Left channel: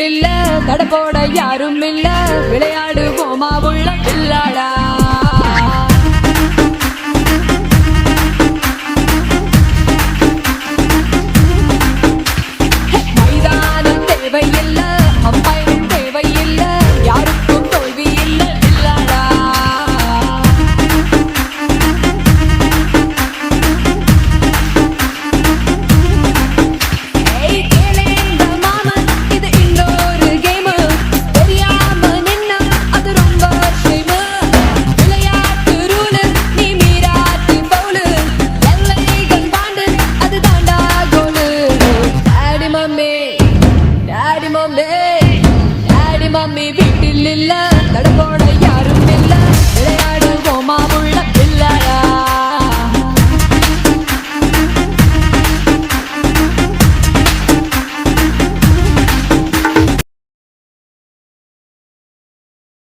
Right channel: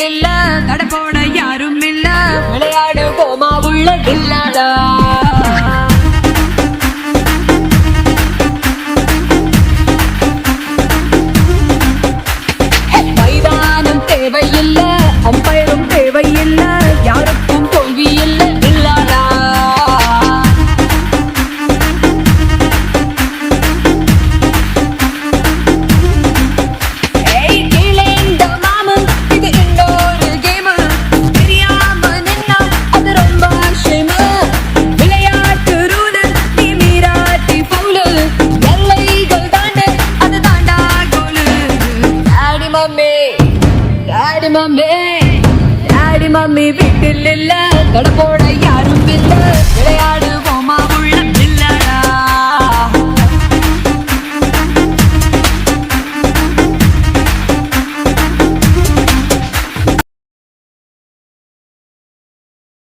வீட்டில் இல்ல தடப்போட யாரும் இல்ல விளையாடு போமா உள்ள வில்லாடா மைதானம் தேவையில்ல அம்பயரும் தேவையில்ல யாருக்கும் தோல்வி இல்ல வில்லாடா டாடி மம்மி வீட்டில் இல்ல தடப்போட யாரும் இல்ல விளையாட